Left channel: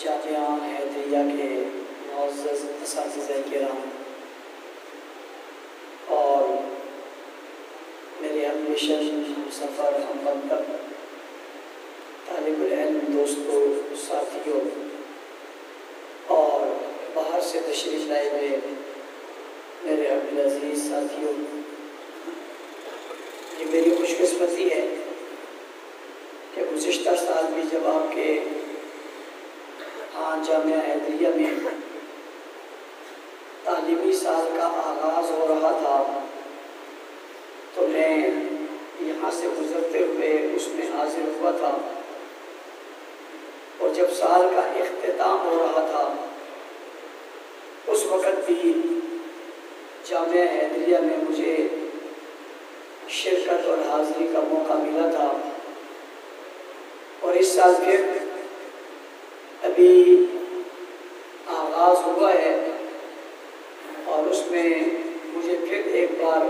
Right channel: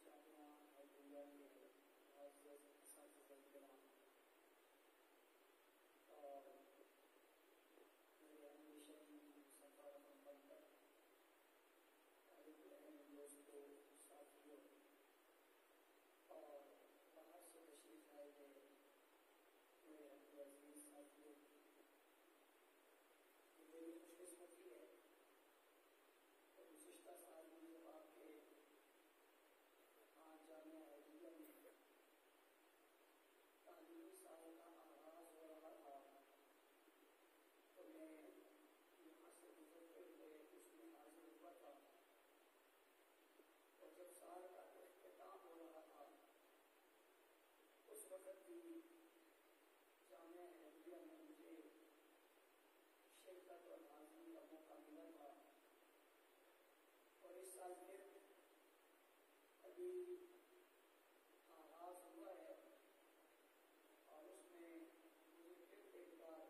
जामिया हैदरिया के मुअज़्ज़ज़ असातिज़ा किराम और मेरे हममिशन हमसफ़र हमवतन तालिबुल इल्म दोस्तों साथियों और बाहर से तशरीफ़ लाए हुए मेरे अब्दुल अज़ीज़ साथियों, ये मेरी खुशकिस्मती है कि गुज़िश्ता साल भी जब आपके जामिया हैदरिया में तालीमी साल का आगाज़ हो रहा था तो मैं यहाँ से गुज़रते हुए उसमें हाज़िर हुआ था। और जब साल का इख्तिताम हो रहा था उस वक़्त भी जामिया हैदरिया में मुझे शिरकत और हाज़िरी का मौका मिला था। और इस साल फिर अभी आगाज़ हुआ है और उसमें मुझे फिर एक बार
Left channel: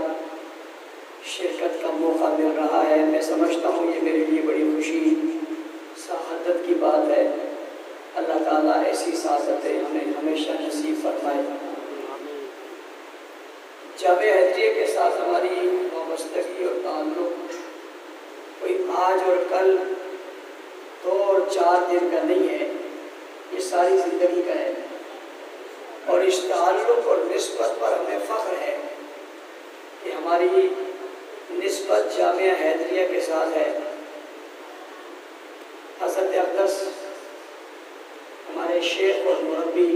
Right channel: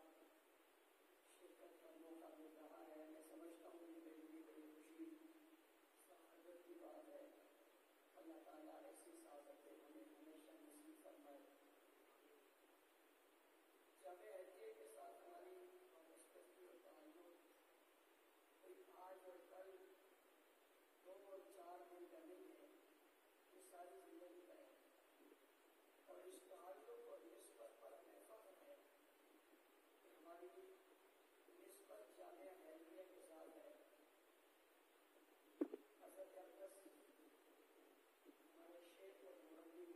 शिरकत का मौका मिल रहा है। मैं समझता हूँ ये मेरे लिए बड़ी खुशी सआदत की बात है। अल्लाह ताला ऐसी सआदतें हमें हमेशा नसीब फरमाए। जामिया हैदरिया के साथ हमारी वाबस्तगी और ताल्लुक़ कोई आज और कल 2 और 4 दिन का नहीं है, ये सारी ज़िंदगी का है। और इस ताल्लुक़ और निस्बत पर हमें फ़ख्र है कि हमारी निस्बत जामिया हैदरिया के साथ है। हज़रत अक़दस हमारे शेख और मुरब्बी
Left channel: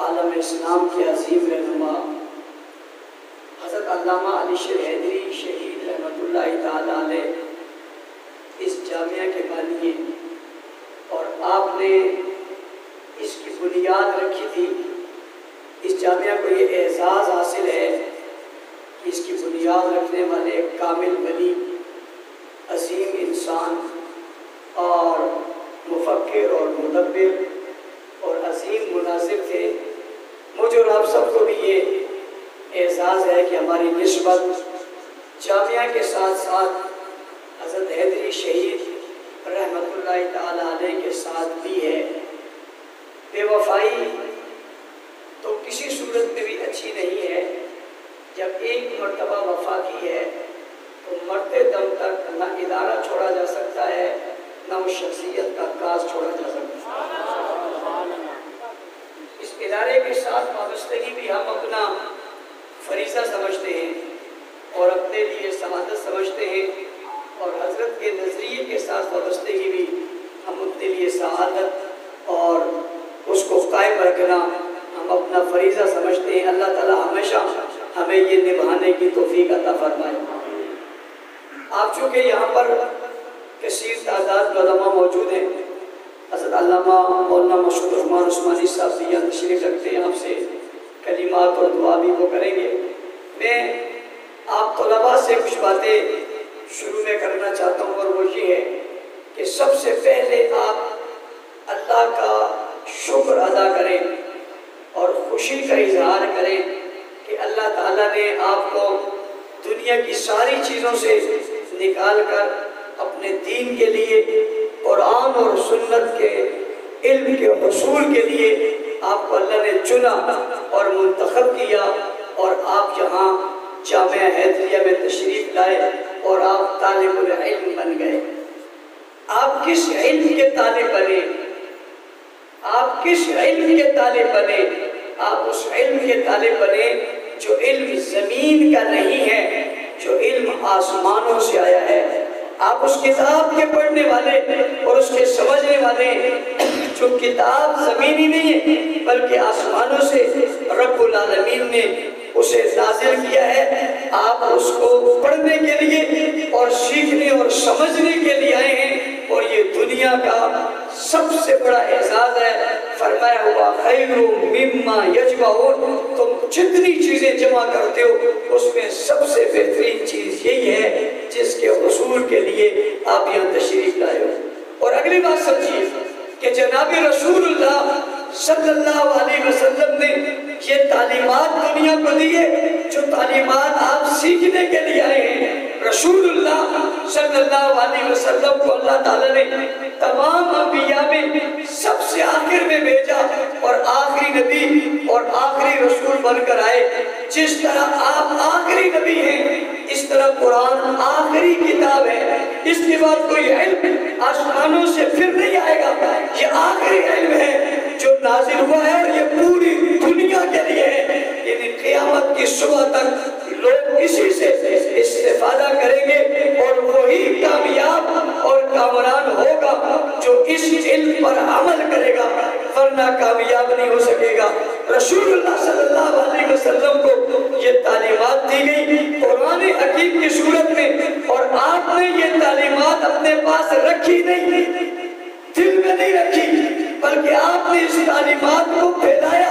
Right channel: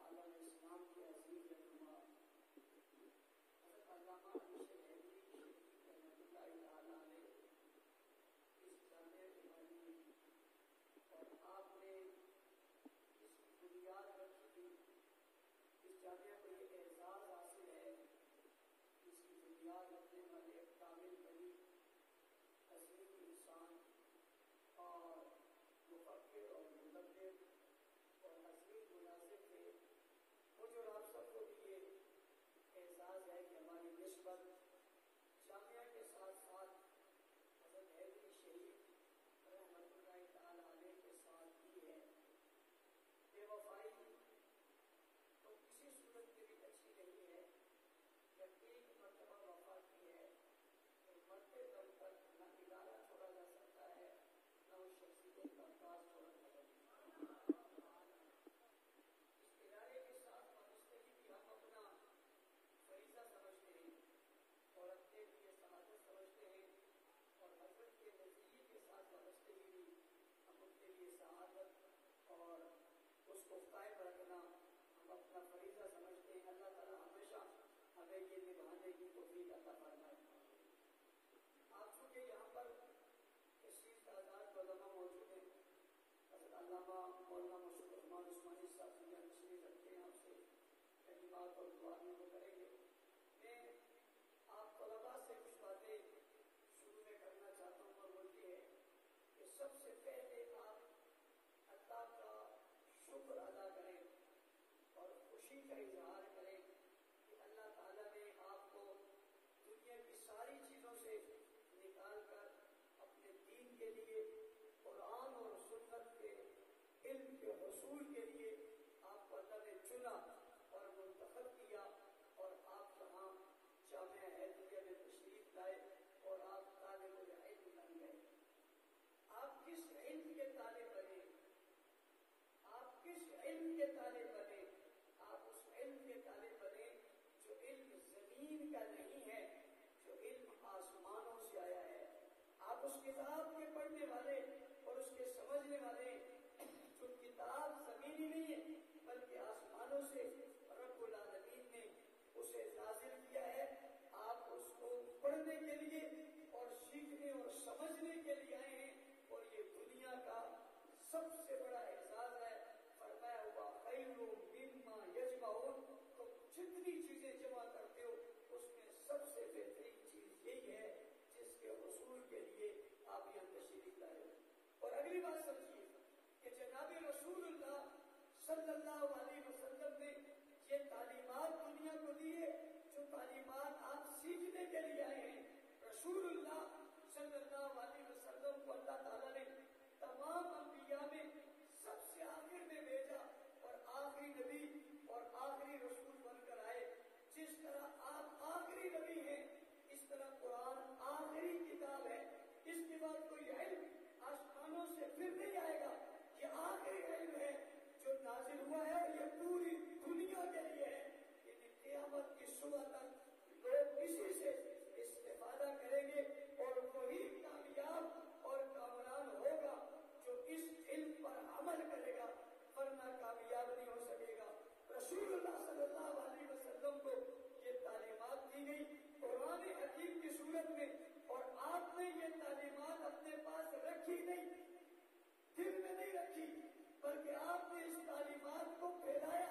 आलम इस्लाम के अज़ीम रहनुमा हज़रत अल्लामा अली शेर हैदरी शहीद रहमतुल्लाहि ताला अलैह इस जामिया के बानी और आपने इसकी बुनियाद रखी थी। इस जामिया को ये एज़ाज़ हासिल है कि इसकी बुनियाद रखने वाले एक कामिल वली, अज़ीम इंसान और मुफ़क्किर और मुदब्बिर और अज़ीम मुनाज़िर थे। मुझे और आप सबको भी ये एज़ाज़ है कि हमारी निस्बत जामिया के साथ साथ हज़रत हैदरी शहीद रहमतुल्लाहि ताला अलैह के साथ भी है। बेवफाई तो किसी सूरत में भी अच्छी नहीं है। जब एक मर्तबा वफा की है तो मरते दम तक ना इदारा छोड़ा जा सकता है, ना उस शख्सियत का काज छोड़ा जा सकता है। इस इदारे के साथ वाबस्तगी भी हम अपना फरीज़ा समझते हैं और अपने लिए सआदत समझते हैं। और हज़रत के नज़रिए के साथ वाबस्तगी भी हम अपने लिए सआदत और उसको कायम रखना हम अपना फरीज़ा समझते हैं। अल्लाह ताला हमेशा हमें ये निभाने की तौफीक अता फरमाए। आप चूँकि यहाँ पर कसीर तादाद में उलमा मौजूद हैं, हज़रत अल्लामा मौलाना मशहूर रहमान उस्मानी साहब भी यहाँ तशरीफ़ रखते हैं, आपसे कलिमात और दुआ भी वो करेंगे। मैं आप तलबा से कुछ बातें शुरू में करना चाहता हूँ और वो ये है कि सबसे पहले आप अल्लाह का शुक्र अदा करें और खुशी का इजहार करें कि अल्लाह ताला ने आपको दुनिया की सारी चीज़ों से निकाल कर अपने दीन के लिए, कुरान और सुन्नत के इल्म के हुसूल के लिए आपको अल्लाह ने चुना और मुंतखब किया और आप यहाँ जामिया हैदरिया में तशरीफ़ लाए और आप तालिबुल इल्म बन गए। आप किस इल्म के तालिब बने? आप किस इल्म के तालिब बने? आप उस इल्म के तालिब बने जो इल्म ज़मीन का नहीं है, जो इल्म आसमानों से आया है। आप उस किताब के पढ़ने वाले और उसके समझने वाले जो किताब ज़मीनी नहीं है बल्कि आसमानों से रब्बुल आलमीन ने उसे नाज़िल किया है। आप उसको पढ़ने के लिए और सीखने और समझने के लिए आए हैं और ये दुनिया का सबसे बड़ा एजाज़ है। फरमाया हुआ खैरु मिम्मा यजमऊन, तुम जितनी चीज़ें जमा करते हो उसमें सबसे बेहतरीन चीज़ यही है जिसके हुसूल के लिए आप यहाँ तशरीफ़ लाए हो। और अगली बात समझिए कि जनाब रसूलुल्लाह सल्लल्लाहु अलैहि वसल्लम ने ये तालीमात दुनिया को दी है जो तालीमात आप सीखने के लिए आए हैं। रसूलुल्लाह सल्लल्लाहु अलैहि वसल्लम को अल्लाह ताला ने तमाम अंबिया में कोई इल्म आसमानों से फिर नहीं आएगा। ये आखिरी इल्म है जो नाजिल हुआ है और ये पूरी दुनिया के लिए है। यानी क़यामत की सुबह तक लोग इसी से इस्तेफादा करेंगे और वही कामयाब और कामरान होगा जो इस इल्म पर अमल करेगा, वरना कामयाब नहीं हो सकेगा। रसूलुल्लाह सल्लल्लाहु अलैहि वसल्लम को ये तालीमात दी गई कुरान हकीम की सूरत में, और आपने ये तालीमात अपने पास रखी नहीं, दिल में नहीं रखी, बल्कि आपने इस तालीमात को फैलाया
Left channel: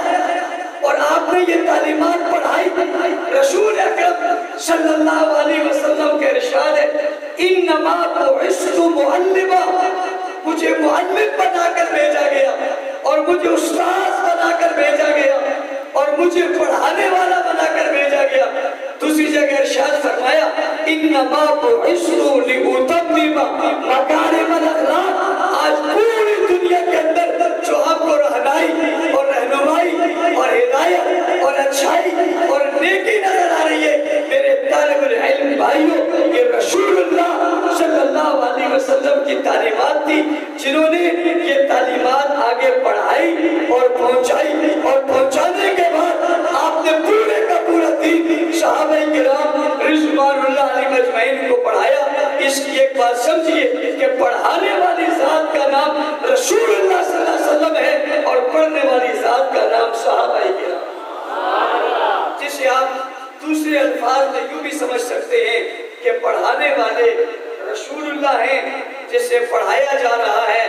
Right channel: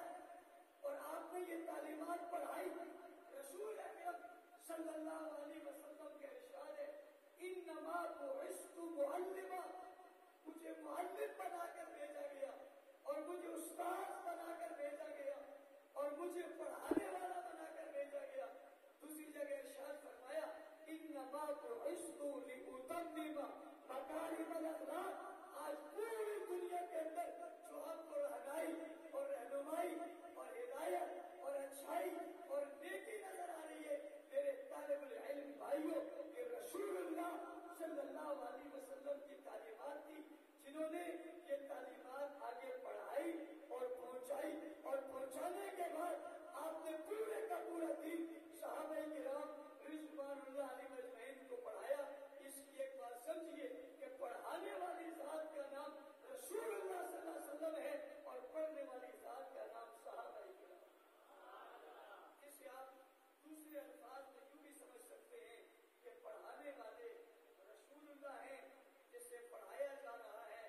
और आपने ये तालीमात पढ़ाई। रसूल अकरम सल्लल्लाहु अलैहि वसल्लम के इरशाद है, इन्नमा बुइस्तु मुअल्लिमा, मुझे मुअल्लिम बनाकर भेजा गया और मुझे उस्ताद बनाकर भेजा गया और मुझे पढ़ाने वाला बनाकर भेजा गया। दूसरी जगह इरशाद फरमाया, इन्नमा बुइस्तु लिउतम्मिमा मकारिमल अखलाक, आज पूरी दुनिया के अंदर जो आपको रहनाई और रहनुमाई और हिदायत और अच्छाई और नेकी नजर आ रही है, मेरे तालिबुल इल्म भाइयों, ये रसूलुल्लाह सल्लल्लाहु अलैहि वसल्लम की तालीमात थी, जिन्होंने ये तालीमात आगे पढ़ाई और पहुंचाई, और पहुंचाने के बाद आपने पूरे का पूरा दीन सहाबाए किराम रिज़वानुल्लाह अलैहिम अजमईन को पढ़ाया। इसकी एक बात समझिए कि पढ़ाने वाली जात का नाम रसूलुल्लाह सल्लल्लाहु अलैहि वसल्लम है और पढ़ने वाली जात का नाम सहाबाए किराम, जिसे आप दूसरे अल्फाज में यूं भी समझ सकते हैं कि पढ़ाने वाले रसूलुल्लाह हैं, जिसे पढ़ाया जा रहा है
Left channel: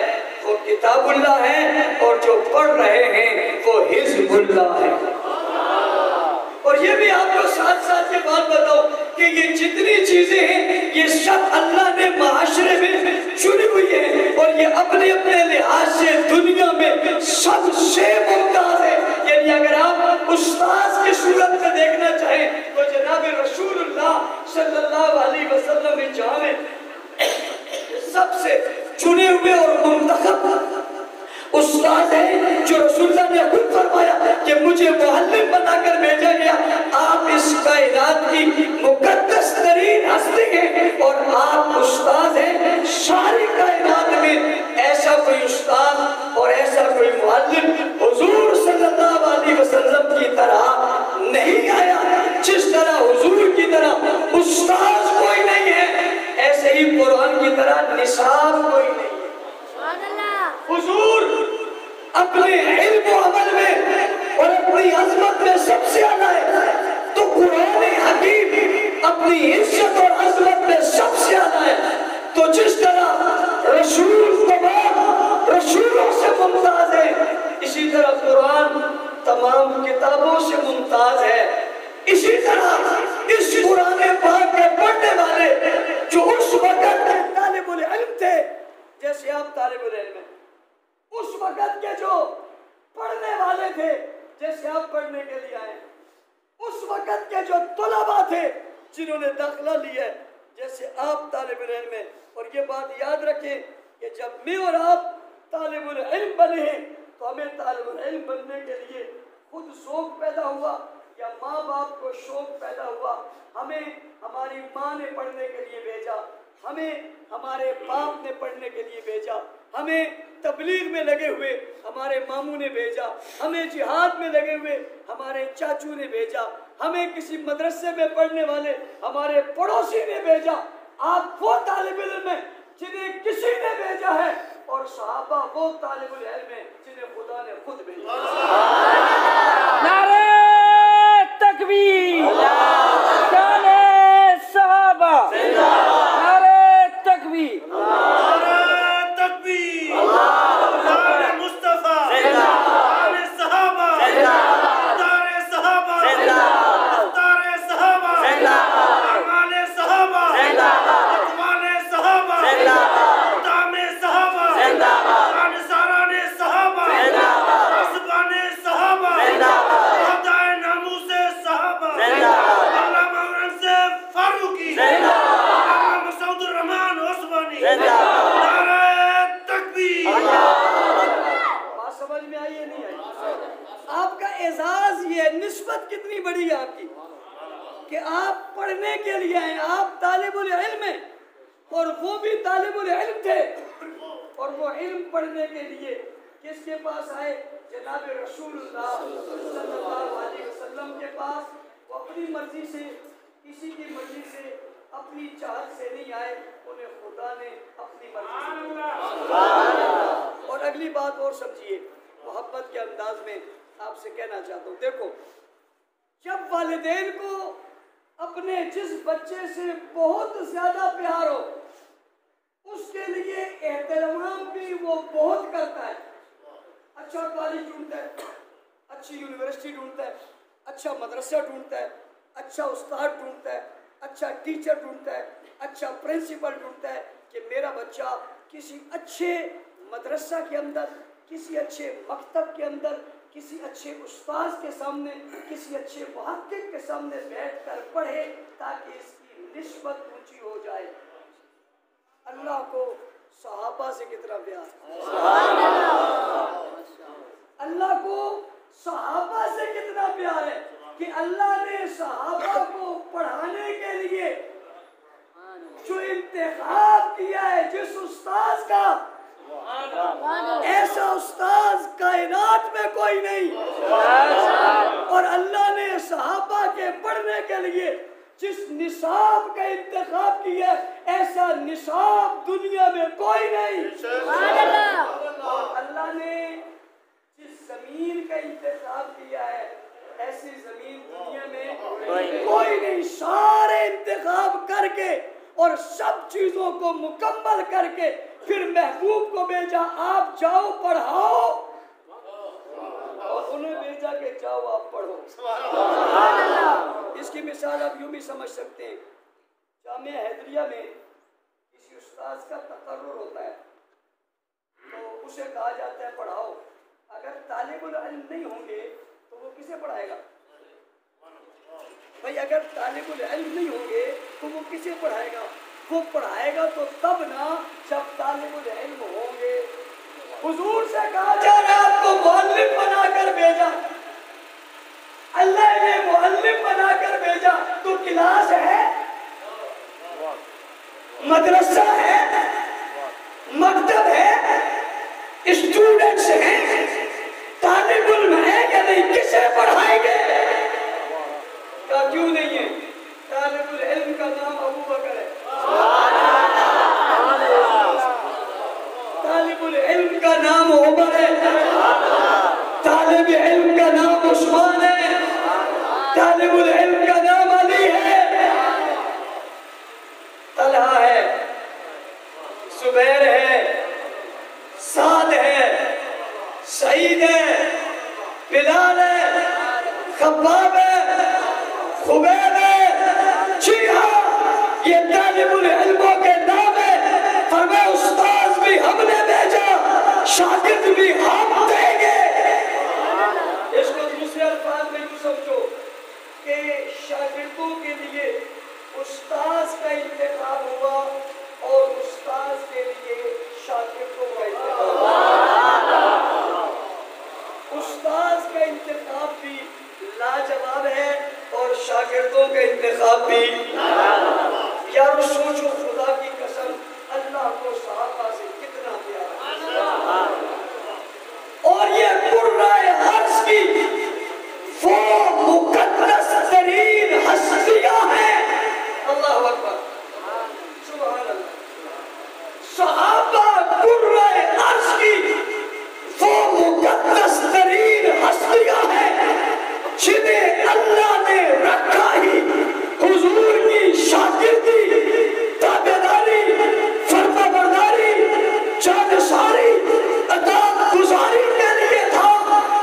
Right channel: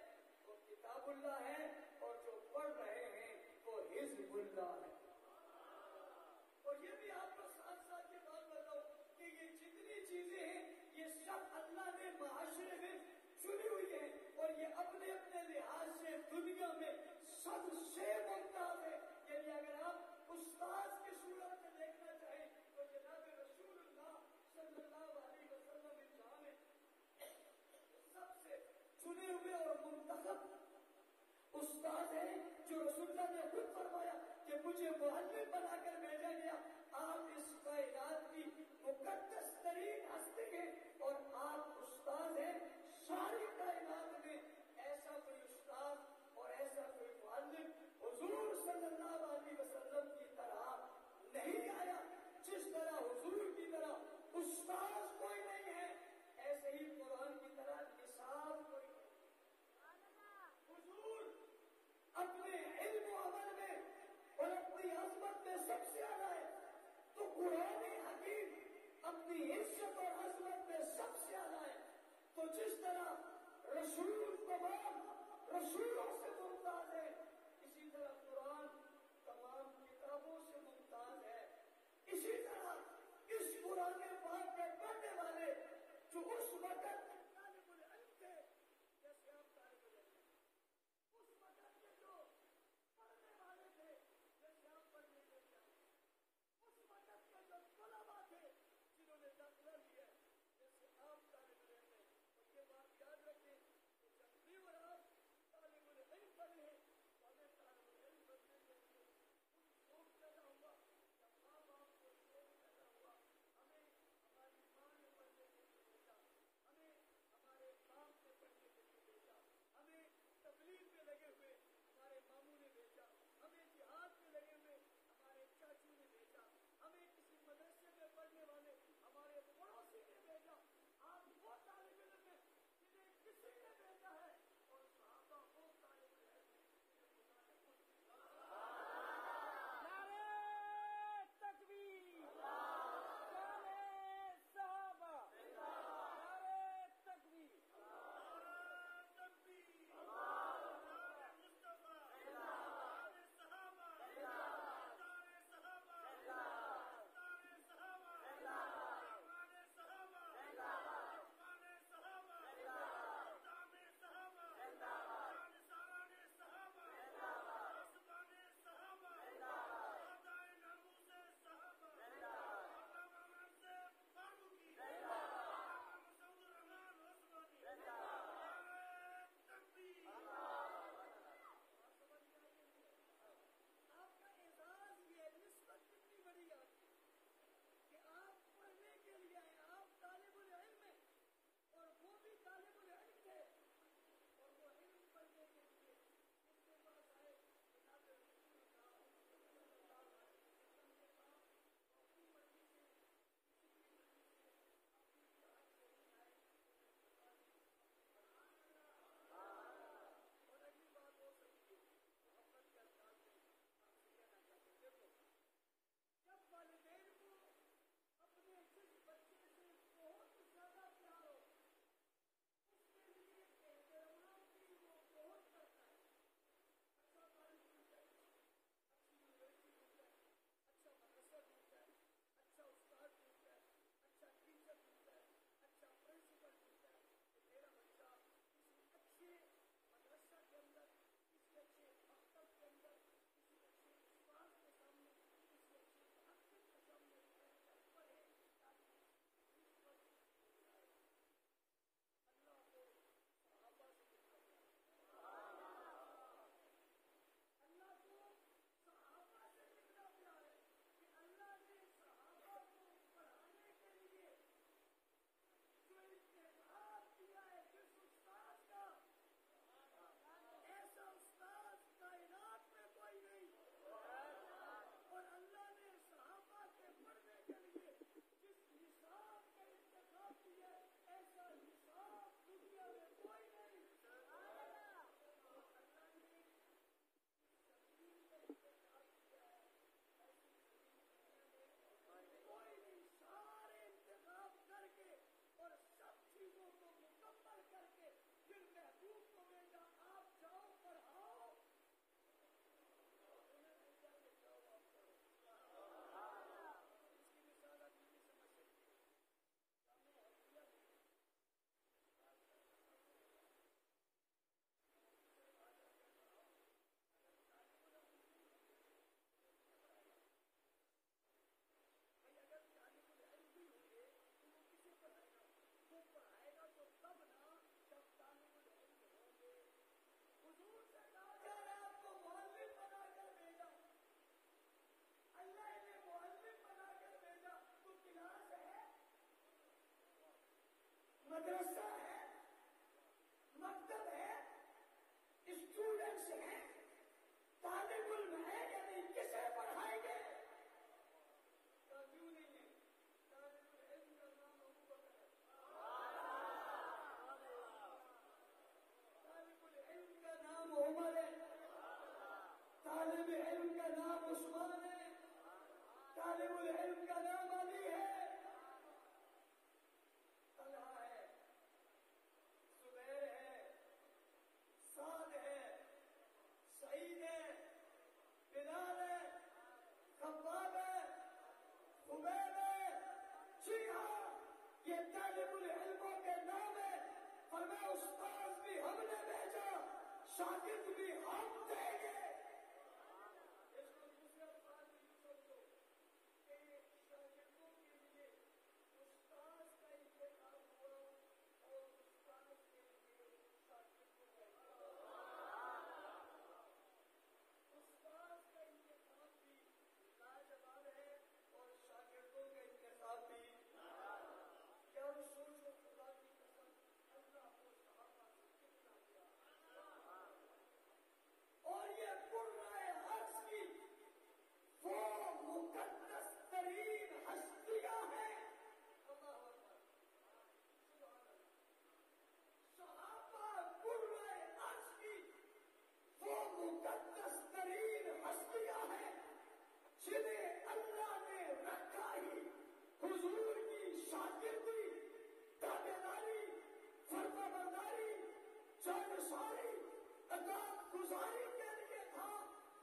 वो किताबुल्लाह है, और जो पढ़ रहे हैं वो हिज़्बुल्लाह है। और ये भी आपको साथ साथ ये बात बताओ कि ये जितनी चीजें हैं ये सब अल्लाह ने माशरे में चुनी हुई है, और ये अपने अपने लिहाज से दुनिया में सबसे मुमताज है। यानी अगर आप उस्ताद की सूरत में देखना चाहें तो जनाब रसूलुल्लाह सल्लल्लाहु अलैहि वसल्लम ने जाने सबसे चुने हुए और मुंतखब उस्ताद है, जो रसूलुल्लाह ने खुद फरमाया कि मुझे मुअल्लिम बनाकर भेजा गया। आप इस कायनात की मुकद्दस तरीन हस्ती हैं और आप उस्ताद हैं। सारी कायनात में ऐसा कोई उस्ताद और ऐसा कोई मुअल्लिम हुजूर सल्लल्लाहु अलैहि वसल्लम की तरह नहीं आया। जिस तरह हुजूर की तरह उस्ताद कोई नहीं है, ऐसे ही कुरान की तरह निसाब कोई नहीं है। हुजूर अपने इल्म और अमल में और अपनी अजमत में सबसे आला है, तो कुरान हकीम अपनी इज्जत और अजमत में सबसे आला है। तो जिस तरह रसूल तमाम रसूलों से मुमताज है, इसी तरह कुरान तमाम किताबों से मुमताज है। इसी तरह इस कुरान पाक के पढ़ने वाले जो उस वक्त तालिबुल इल्म थे, जैसे आप तालिबुल इल्म हैं, उस वक्त के जो पढ़ने वाले थे, जैसे आप पढ़ने के लिए आए, उस वक्त के जो तुलबा थे जिन्होंने दाखिला लिया, जैसे आप तालिबुल इल्म हैं। और ये बात याद रखें कि जब मैं और आप तालिबुल इल्म बने हैं तो हमें तालिबुल इल्म बनने के लिए खुद शौक पैदा हुआ या माँ बाप को शौक पैदा हुआ। हमें हमारी माँ ने पढ़ने के लिए भेजा, हमें हमारे बाप ने पढ़ने के लिए भेजा, हमें तबलीग में लगे हुए हमारे मामू ने भेजा, हमें जिहाद में लगे हुए हमारे चाचू ने भेजा, हमें किसी मदरसे में पढ़ने वाले हमारे पड़ोसी ने भेजा। आप वो तालिबुल इल्म हैं जिन्हें किसी ने भेजा है, और सहाबा वो तालिबुल इल्म हैं जिन्हें खुदा ने खुद भेजा। नारे तकबीर, शाने सहाबा, नारे तकबीर, निस्बत कितनी बड़ी है आपकी कि आप पढ़ने के लिए आए, आप तालिबुल इल्म हैं। और वो भी तालिबुल इल्म थे, और वो इल्म पढ़ने के लिए किसके पास आए? जनाब रसूलुल्लाह सल्लल्लाहु अलैहि वसल्लम के पास। वो अपनी मर्जी से, किसी की मर्जी से, अपनी चाहत से नहीं आए, उन्हें खुदा ने अपनी मर्जी से। और अगली बात और समझिए, मोहब्बत के अंदाज में आपसे कहना चाहता हूँ, देखो जब वालिदैन को अपने जिस बच्चे से बहुत ज्यादा प्यार हो, उसके लिए एहतराम भी वो बहुत करता है। अच्छा कॉलेज ढूंढता है, अच्छी यूनिवर्सिटी ढूंढता है, अच्छा मदरसा ढूंढता है, अच्छा उस्ताद ढूंढता है, अच्छा टीचर ढूंढता है, अच्छा प्रिंसिपल ढूंढता है कि मेरा बच्चा किसी अच्छे मदरसा के अंदर, किसी अच्छे मकतब के अंदर, किसी अच्छे उस्ताद के सामने, किसी अच्छे मुहक्किक के सामने बैठकर पढ़े, ताकि इसकी निस्बत ऊंची हो जाए। अल्लाह को सहाबा से कितना प्यार, अल्लाह को सहाबा से कितना प्यार है कि अल्लाह ने सहाबा को पढ़ाने के लिए जो इंतखाब किया है, जिस उस्ताद का, ऐसा उस्ताद कायनात में कोई नहीं। और अल्लाह ने सहाबा के पढ़ने के लिए जिस निसाब का इंतखाब किया, ऐसा निसाब दुनिया में कोई नहीं। और अल्लाह ने जिस जमीन का इंतखाब किया है, ऐसी जमीन दुनिया में कोई नहीं। सारे इंतखाब करके और सब चीजों को मुकम्मल करके फिर महबूब को भेजा, आप जाओ पढ़ाओ, और उन्हें भेजा कि जाओ आप पढ़ो। इसकी मिसाल आप यूं भी समझ सकते हैं, जामिया हैदरिया में किसी उस्ताद का तकर्रुर होता है, तो उसे कहा जाता है पढ़ाओ। अगर तालिबुल इल्म नहीं होंगे तो वो किसे पढ़ाएगा भाई? अगर तालिबुल इल्म नहीं होंगे तो वो किसे पढ़ाएगा? वो पढ़ाएगा तो तब ना जब तालिबुल इल्म होंगे। हुजूर से कहा जा रहा है आपको मुअल्लिम बनाकर भेजा, अल्लाह ने मुअल्लिम बनाकर भेजा, तो क्लास है, मदरसा है, मकतब है, स्टूडेंट्स हैं, तालिबुल इल्म है या नहीं? किसे पढ़ाएंगे? क्या क्यों नहीं है? तालिबुल इल्म का नाम अबू बकर है, तालिबुल इल्म का नाम उमर है, तालिब इल्म का नाम उस्मान है, तालिबुल इल्म का नाम अली है, तलहा है, जुबैर है, साद है, सईद है, बिलाल है, खब्बाब है, खुबैब है। जी हाँ, ये तालिबुल इल्मों के नाम है। फरमाया उस्ताद भी हमने भेजा, शागिर्द भी हम देंगे। इसको दूसरे अल्फाज में यूं समझो कि शागिर्दों के लिए उस्ताद का इंतखाब हुआ और उस्ताद के लिए शागिर्दों का इंतखाब। उस्ताद का इंतखाब भी लाजवाब है और शागिर्दों का इंतखाब भी। यार सोचो, खुदा की कसम, अल्लाह को सहाबा से कितना प्यार। और ये कुर्राए अर्श की वो मुकद्दस तरीन हस्तियां हैं। अल्लाह अकबर, सुभान अल्लाह। सहाबा कुर्राए अर्श की वो मुकद्दस तरीन हस्तियां हैं जिन्हें अल्लाह ने रखा ही हुजूर की शागिर्दी, ताबेदारी, फरमाबरदारी, जानसारी, अताअत गुजारी के लिए था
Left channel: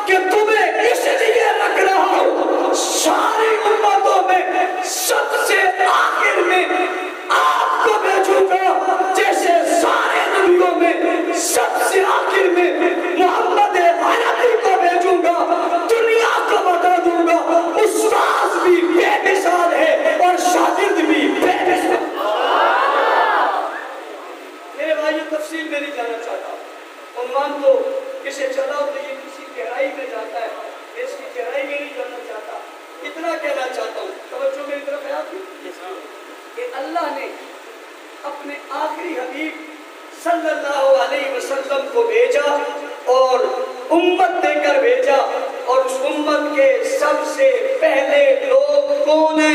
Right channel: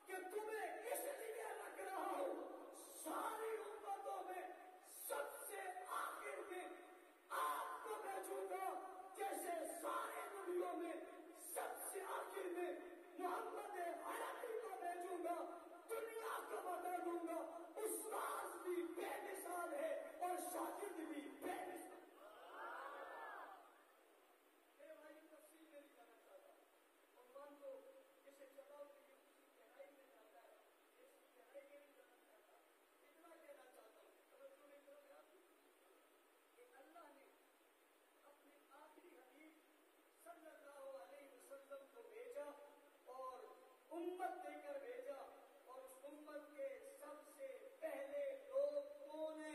कि तुम्हें इसलिए रख रहा हूं। सारी उम्मतों में सबसे आखिर में आपको भेजूंगा, जैसे सारे नबियों में सबसे आखिर में मोहम्मद अरबी को भेजूंगा। दुनिया को बता दूंगा उस्ताद भी बेमिसाल है और शागिर्द भी बेमिसाल। मेरे भाई, तफसील में नहीं जाना चाहता, उन्वान तो किसे चलाओ तो ये किसी गहराई में जाता है, इसकी गहराई में नहीं जाना चाहता। इतना कहना चाहता हूँ, तवज्जो मेरी तरफ है आपकी, कि अल्लाह ने अपने आखिरी हबीब सल्लल्लाहु अलैहि वसल्लम को भेजा और उम्मत देकर भेजा। और उस उम्मत के सबसे पहले लोग कौन है?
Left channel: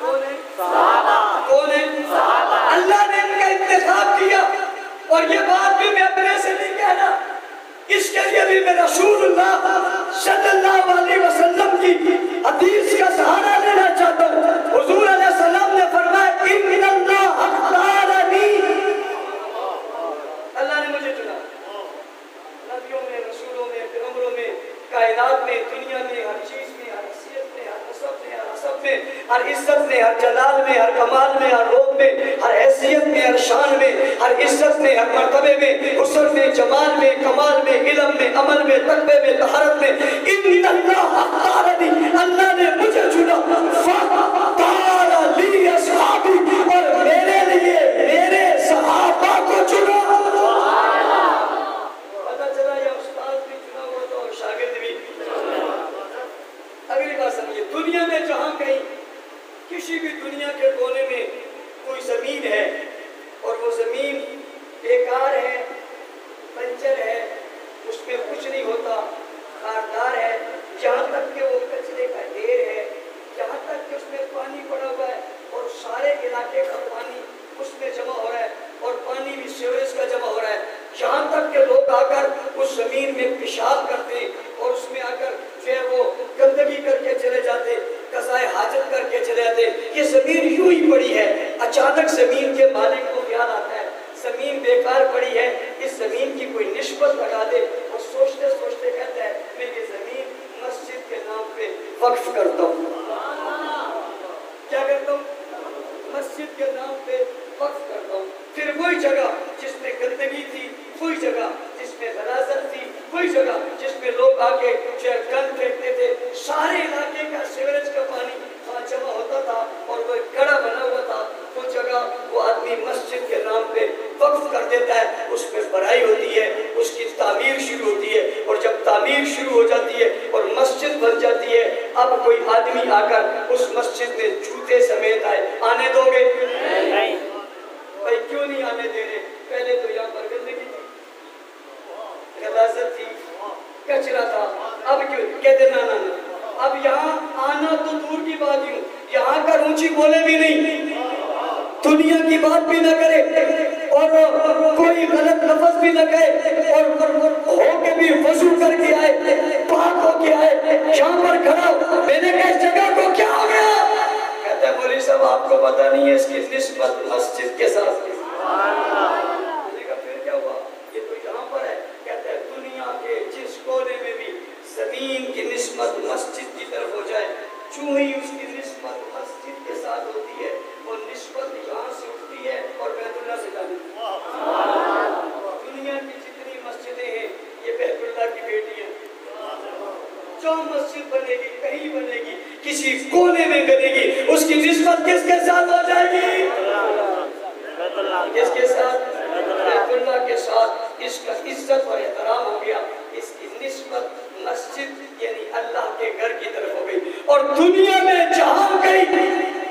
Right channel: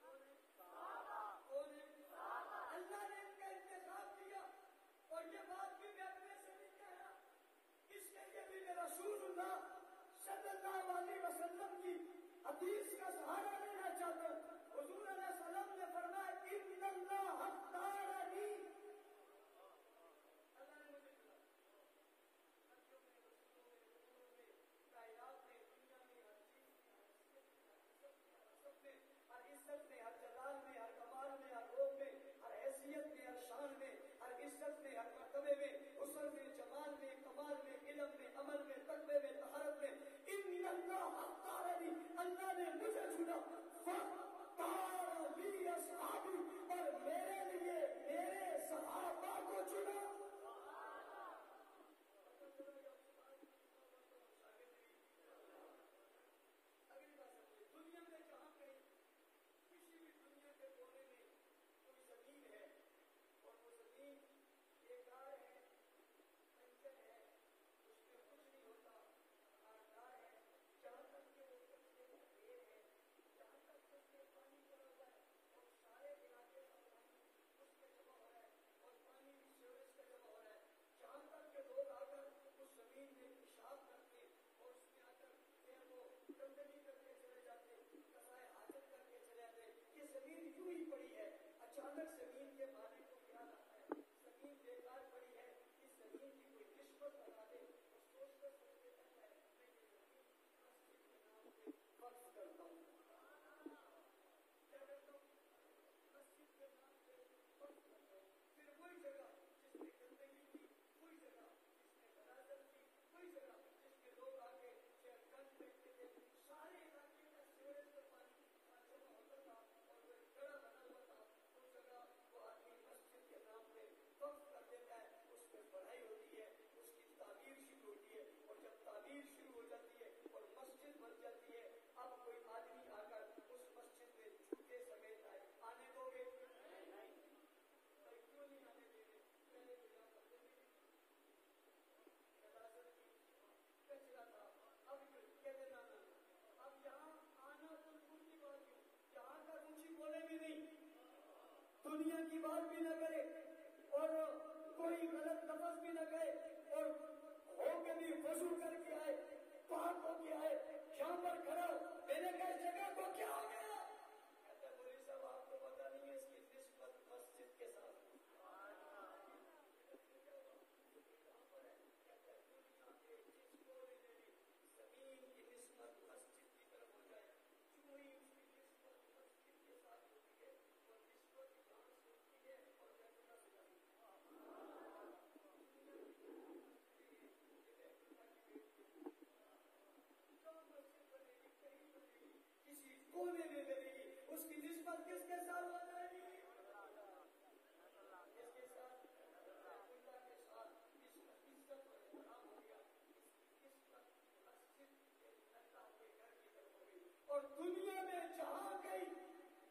कौन है? अल्लाह ने इनका इंतखाब किया। और ये बात भी मैं अपने से नहीं कह रहा, इसके लिए भी मैं रसूलुल्लाह सल्लल्लाहु अलैहि वसल्लम की हदीस का सहारा लेना चाहता हूँ। हुजूर अलैहि सलाम ने फरमाया इन्नल्लाह अख्तारनी, अल्लाह ने मुझे चुना। नबियों में, रसूलों में, पैगंबरों में, कायनात में, दुनिया में, हर चीज में, हर हैसियत में, हर नसब में, हर हसब में, हर इज्जत में, हर जलाल में, हर कमाल में, हर रूप में, हर हैसियत में, हर शान में, हर इज्जत में, हर मर्तबे में, हुस्न में, जमाल में, कमाल में, इल्म में, अमल में, तकवे में, तहरत में, इन्नल्लाह अख्तारनी, अल्लाह ने मुझे चुना। फख्तार ली अस्हाबी, और मेरे लिए मेरे सहाबा को चुना। पता चला ये उस्ताद भी चुना हुआ था और शागिर्द भी। अगली बात समझिए, दुनिया में जहाँ कहीं किसी भी दुनिया के कोने में कोई जमीन है और वो जमीन बेकार है, बंजर है, उसमें कुछ नहीं होता, खारदार है, जहाँ तक कि वो कचरे का ढेर है, जहाँ तक कि उसमें पानी पड़ा हुआ है और सारे इलाके का पानी उसमें जमा हो रहा है और पानी भी सीवरेज का जमा हो रहा है, जहाँ तक के लोग आकर उस जमीन में पेशाब करते और उसमें आकर फिर वो गंदगी करके चले जाते, कज़ाए हाजत करके चले जाते। ये जमीन यूं ही पड़ी है। अचानक जमीन के मालिक को ख्याल आता है जमीन बेकार पड़ी है, इस जमीन की कोई निस्बत लगा दे। और सोचते सोचते कहता है मैं ये जमीन मस्जिद के नाम पे वक्फ करता हूँ। क्या करता हूँ? मस्जिद के नाम पे वक्फ करता हूँ। फिर वही जगह जिसमें गंदगी थी, वही जगह जिसमें गलाजत थी, वही जगह जिसमें लोग आके गंद फेंकते थे, सारे इलाके का सीवरेज का पानी वहाँ जमा होता था और वो गड़ा बना हुआ था, वो जगह वो आदमी मस्जिद के नाम पे वक्फ कर देता है। उसमें भराई होती है, उसकी तामीर शुरू होती है और जब तामीर शुरू हो जाती है और मस्जिद बन जाती है, अब कोई आदमी आकर उस मस्जिद में जूते समेत आए, आने दोगे? नहीं। भाई क्यों नहीं आने दे रहे? पहले तो यहाँ पर गंदगी थी, गलाजत थी, कचरा था, अब क्यों? कहते ना ना ना, अब यहाँ आना तो दूर की बात ही, यहाँ का ऊंची बोले भी नहीं, दुनिया की बात भी ना करे और कोई गलत लफ्ज भी ना कहे और होके भी वजू करके आए, पाक होके आए, यहाँ पर खड़ा हो। मैंने कहा इस जगह को क्या हो गया? कहते हैं मौलवी साहब आपको पता नहीं है इसकी निस्बत मस्जिद के साथ। फिर क्या हुआ? ये तो यहाँ पर है। कहते हैं दुनिया के जिस कोने में भी जमीन की निस्बत मस्जिद की तरफ हो जाए, चूं ही उसकी निस्बत मस्जिद के साथ होती है, वो निस्बत यहाँ से उठती है और बैतुल्लाह से जाती है। दुनिया की जितनी मस्जिदें हैं ये बैतुल्लाह की बेटी है। जो मस्जिद बनेगी, कहीं बनेगी, किसी कोने में बनेगी, उसकी निस्बत किसके साथ हो जाएगी? किसके साथ? बैतुल्लाह के साथ। इसका इज्जत और एहतराम हो गया, इसकी निस्बत मस्जिद यानी अल्लाह के घर की तरफ हो गई। और दुनिया में जहां कहीं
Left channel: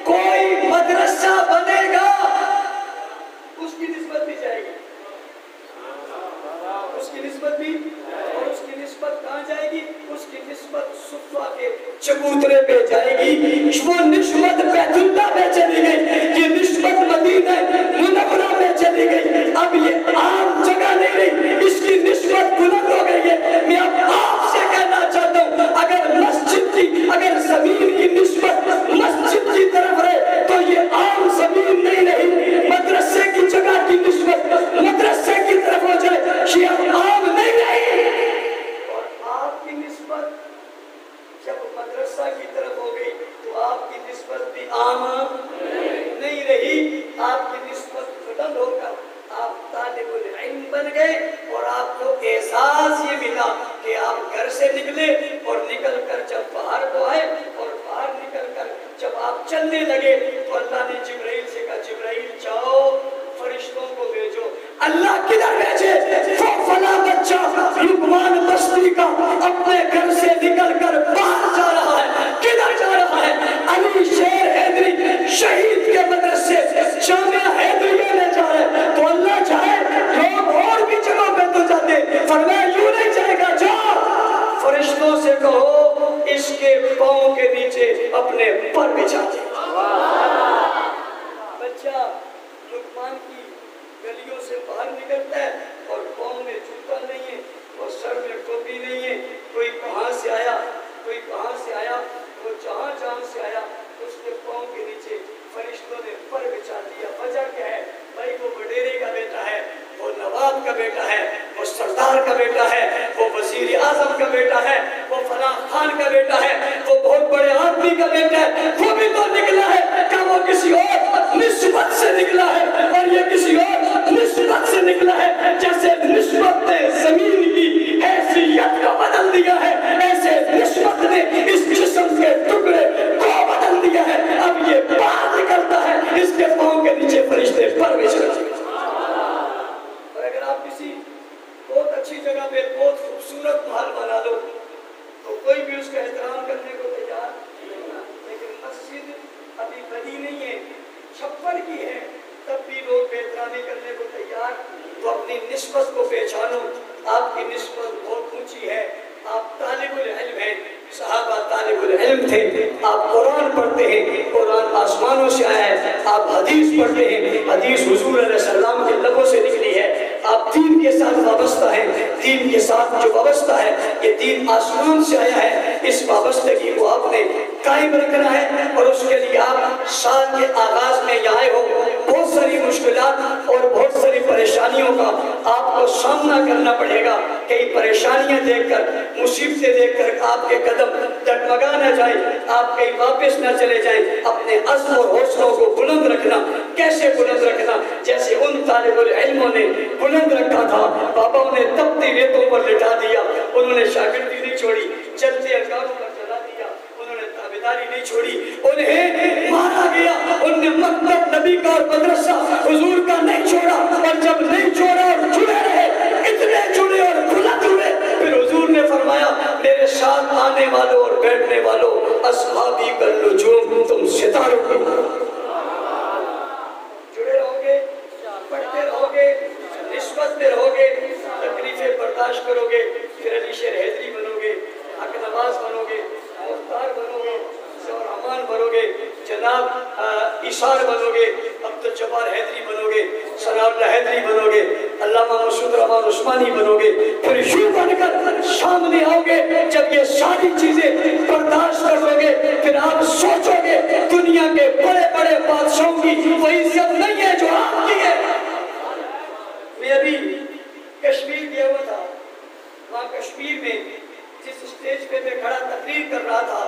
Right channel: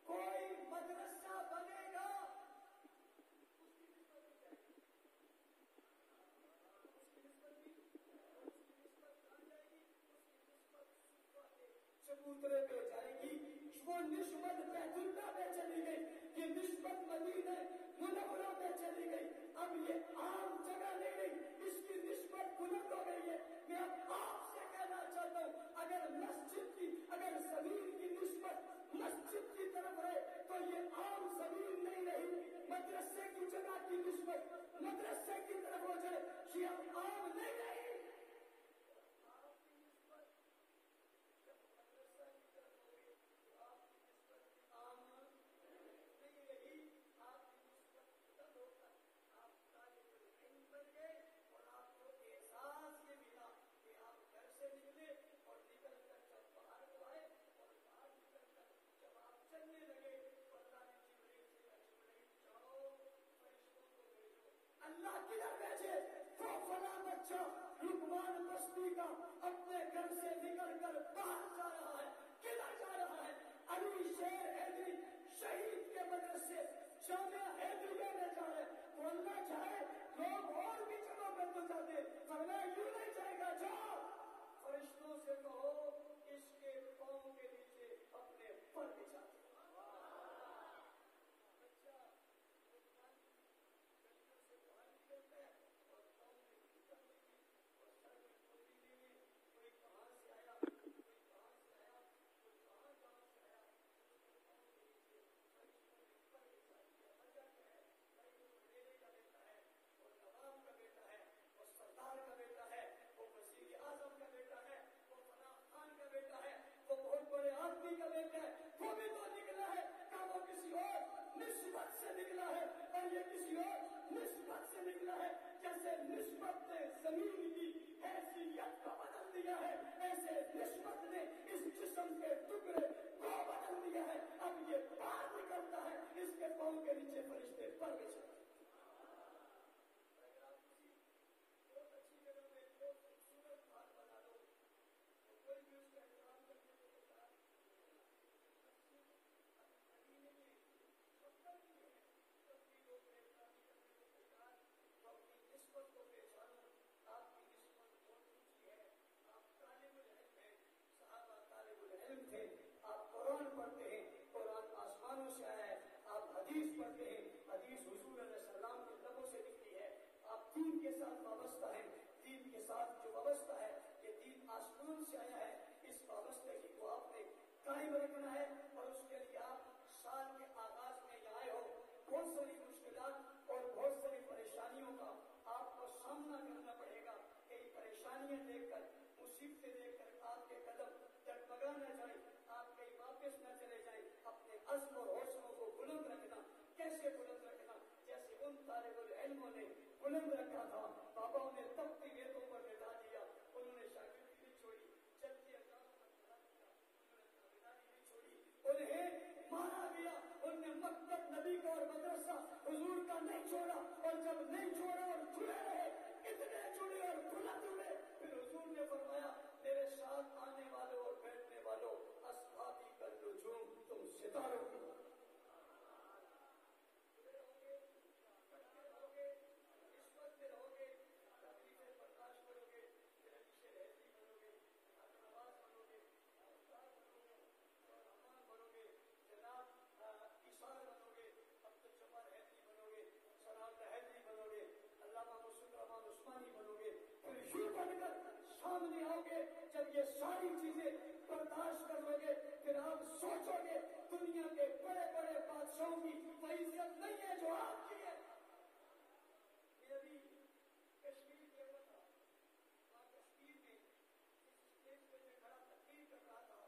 कोई मदरसा बनेगा उसकी निस्बत भी जाएगी, उसकी निस्बत भी, और उसकी निस्बत कहाँ जाएगी? उसकी निस्बत सुफ़ा के चबूतरे पे जाएगी, वो निस्बत बैतुल्लाह में चली गई, ये निस्बत मदीना मुनव्वरा में चली गई। अब ये आम जगह नहीं रही, इसकी निस्बत बुलंद हो गई है। मैं अब आपसे कहना चाहता हूँ, अगर मस्जिद की, अगर जमीन की निस्बत मस्जिद की तरफ रहे तो ये आम जमीन नहीं रही, मदरसे की जगह की निस्बत मदरसे की तरफ हो जाए, ये आम नहीं रही। और आपकी निस्बत जब मदरसा की तरफ हो गई तो आपकी निस्बत भी आम नहीं रही, आपकी निस्बत बुलंद होकर आप तालिबुल इल्म बन गए और आपको एहसास ये मिला कि आप घर से निकले और निकल कर जब बाहर को आए और बाहर निकल कर जब आप चलने लगे तो अल्लाह ने जिब्राइल से कहा, जिब्राइल जाओ फरिश्तों को भेजो। अल्लाह किधर भेजे? फला बच्चा लुकमान बस्ती का अपने घर से निकल कर बाहर जा रहा है। किधर जा रहा है? अली शेर हैदरी शहीद के मदरसे का बेटा है, वो सरदार का बेटा है, वो वजीर आजम का बेटा है, वो फलां खान का बेटा है, वो बहुत बड़े आदमी का बेटा है, वो भी तो निकला है। क्या वो किसी और निस्बत से निकला है और ये किसी और निस्बत से निकला है? जैसे निस्बत ने जमीन की हैसियत को बदल दिया है, ऐसे निस्बत ने इस जिस्म के टुकड़े को बदल दिया है। अब ये बाहर निकलता है, इसके पांव के नीचे फरिश्ते परवरिश करते हैं। और अगर आप किसी बहुत अच्छी जगह पे बहुत खूबसूरत महल बना लो तो कोई भी उसका एहतराम करने को तैयार नहीं होगा। लेकिन मस्जिद अभी बनी नहीं है, छप्पर की है, तब भी लोग बेहतरामी करने को तैयार। तो अपनी निस्बत को पहचानो, आपकी निस्बत बहुत ऊंची है। आप तालिबुल इल्म हैं, सहाबा तालिबुल इल्म थे। आप कुरान पढ़ते हैं, कुरान आसमानों से आया है। आप हदीस पढ़ते हैं, हदीस हुजूर अलैहि सल्लम के लबों से निकली है। आप दीन के साथ वाबस्ता है, दीन के साथ जो वाबस्ता है ये दीन आसमान से आया है। इस वाबस्तगी को आपने कायम रखना है और उसके लिए आप साल के आगाज में आए हो। बहुत सारी मुश्किलात और बहुत सारी परेशानियों का आपको सामना करना पड़ेगा। कई परेशानियां देखकर, मुसीबतें देखकर आपके कदम डगमगा न जाए, आप कहीं वापस न चले जाएं। अपने अज़्म और हौसलों को बुलंद रखना। कैसे बुलंद रखना? जैसे उन तालिबुल इल्मों ने बुलंद रखा था। बाबाओं ने तपती रेतों पर लिटा दिया, उन्होंने शागिर्दी नहीं छोड़ी। चलते अंगारों पर चला दिया, उन्होंने ताबेदारी नहीं छोड़ी। उन्हें मारा गया, उन्हें मकतब नबी का और मदरसा हुजूर का नहीं छोड़ा। और जब नहीं छोड़ा और जुड़े रहे, इतने जुड़े और बुलंद हुए, फिर हुजूर ने फरमाया मेरे साथ आने वालों और बैठने वालों, अस्हाबी कल नुजूम, तुम सितारों की जुड़े रहोगे, पढ़ते रहोगे, निस्बत में रहोगे, तकलीफें बर्दाश्त करोगे, फिर अली शेर हैदरी बनोगे, हक नवाज बनोगे, मुख्तार बनोगे, और अमान बनोगे, जनाब इशार बनोगे, अब्दुल जब्बार हैदरी बनोगे, सनाउल्लाह हैदरी बनोगे, अल्लामा मसूद रहमान उस्मानी बनोगे। फिर यूं बनकर सामने आओगे। जब ये सारी चीजें बर्दाश्त कर लोगे, फिर आप सोचोगे दुनिया के बड़े बड़े बादशाहों की वो इज्जत नहीं है जो आपकी है। मैं अभी कश्मीर गया हुआ था, वहाँ कश्मीर में जिस स्टेज पे मैं खड़ा तकरीर कर रहा था,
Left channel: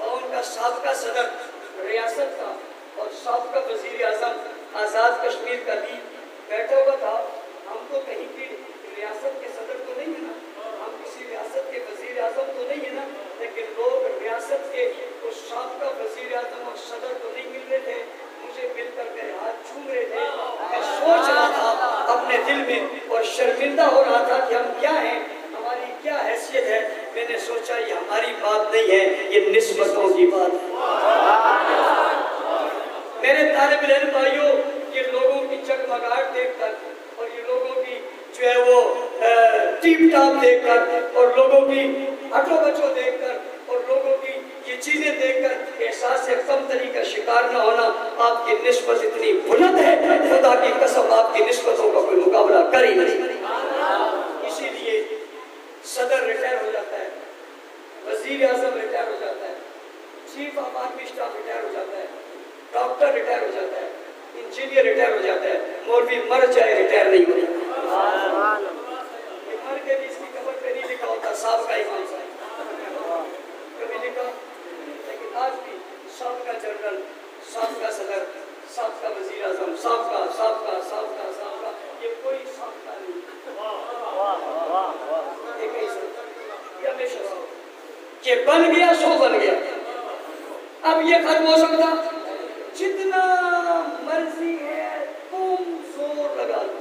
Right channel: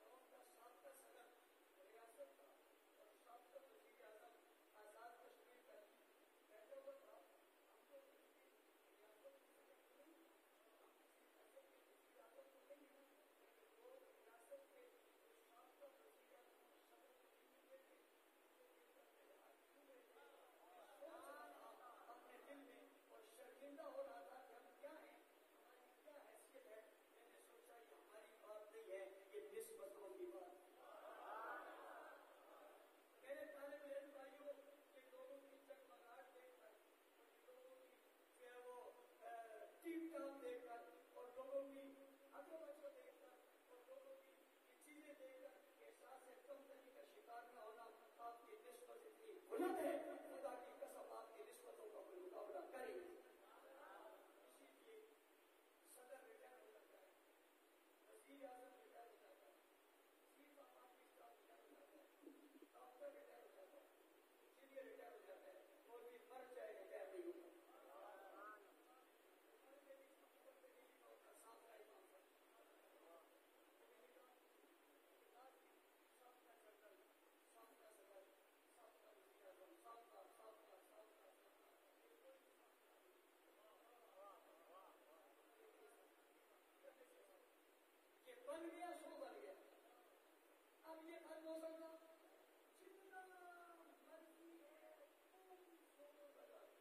और उनका साबका सदर रियासत का और साबका वजीर आजम आज़ाद कश्मीर का भी बैठा हुआ था। हम तो कहीं की रियासत के सदर तो नहीं है ना, हम किसी रियासत के वजीर आजम तो नहीं है ना, लेकिन लोग रियासत के उस साबका वजीर आजम और सदर तो नहीं मिल रहे थे। मुझे मिलकर मेरे हाथ छूम रहे थे। मैं सोच रहा था अपने दिल में और शर्मिंदा हो रहा था कि हम क्या हैं, हमारी क्या हैसियत है। मैंने सोचा ये हमारी बात नहीं है, ये निस्बतों की बात है। मेरे तालिब इल्म भाइयों, ये लोगों की जगमगाहट देखकर और ये लोगों की जो है वो टीप टाप देखकर और लोगों की हटो बचो देखकर और लोगों की ये चीजें देखकर एहसास कमतरी का शिकार न होना। आपकी निस्बत इतनी बुलंद है, खुदा की कसम आपकी निस्बतों का कोई मुकाबला कर ही नहीं। इसीलिए सदर रिटायर हो जाता है, वजीर आजम रिटायर हो जाता है, chief of army staff retire हो जाता है, डॉक्टर रिटायर हो जाता है, इंजीनियर रिटायर हो जाता है, मौलवी मर जाए रिटायर नहीं हो जाता। मर के भी इसकी कबर पे नहीं लिखा होता साहब का इमाम साहब, कभी लिखा। लेकिन आज भी साहब का जनरल, साहब का सदर, साहब का वजीर आजम, साहब का ये कोई साहब का नहीं, ये बन गया सो बन गया। अब ये खत्म हो सकता? जितना मर्जी है तुम जोर लगा लो,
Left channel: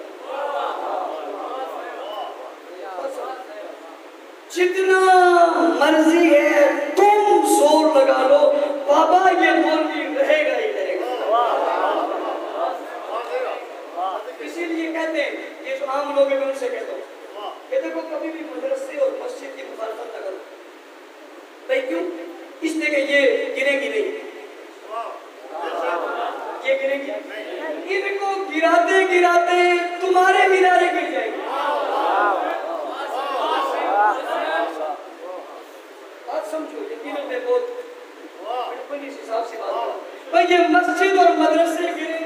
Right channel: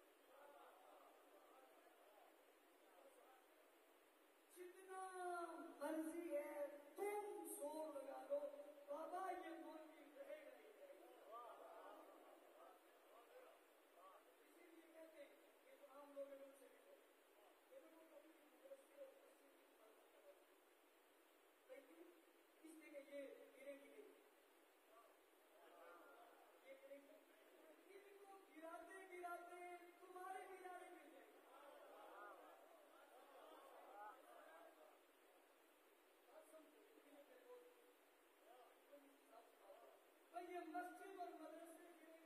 जितना मर्जी है तुम जोर लगा लो, बाबा ये मौलवी रहेगा ही रहेगा। इसीलिए कहते हैं, ये जो आम लोग हैं मैं उनसे कहता हूँ, देखो कभी भी मदरसे और मस्जिद की मुखालफत न करो। भाई क्यों? इसलिए कि ये गिरेगी नहीं, ये गिरेगी, इनको गिराते गिराते तुम्हारे मीनारे गिर जाएंगे। बात समझो, यकीनों में बहुत बिल्कुल इस हिसाब से बात है। भाई ये मस्जिद और मदरसे गिरे,